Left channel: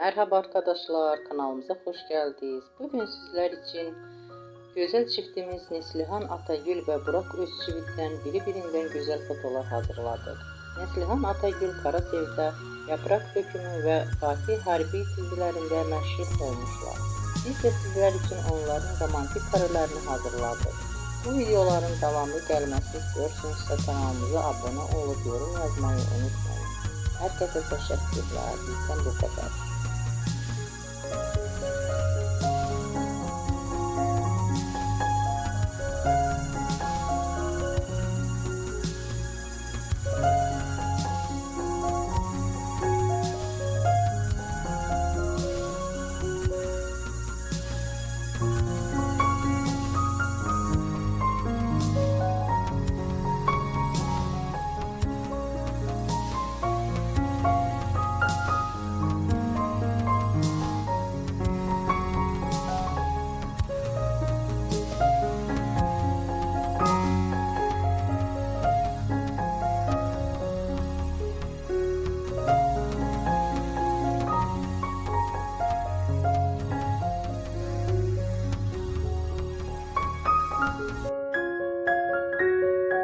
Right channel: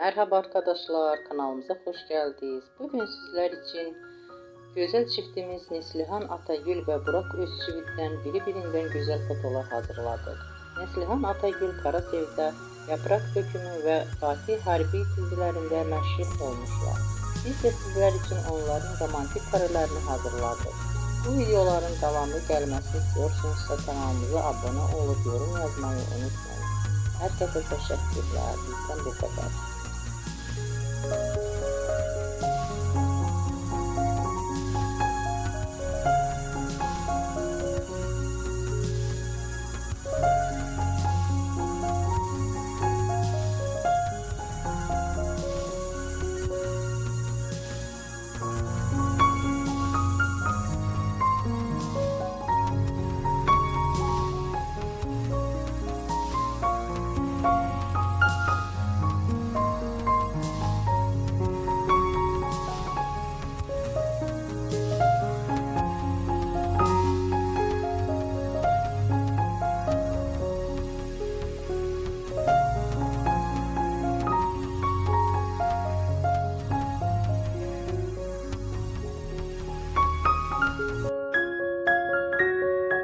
Merhaba arkadaşlar, kanalımıza hoş geldiniz. Bugün sizler için güzel çiftimiz Neslihan Atagül ve Burak Özçivit'ten birbirinden güzel fotolar hazırladık. Neslihan Atagül Karasevda, Yaprak Dökümü ve Fatih Harbi dizilerinde meşhur olmuşlar. Biz de sizler için onların romantik karelerini hazırladık. Bu videoların devamlı gelmesini istiyorsanızsa kanalımıza abone olup yorum yazmayı unutmayın. Herkese teşekkürler. Bizden bu kadar.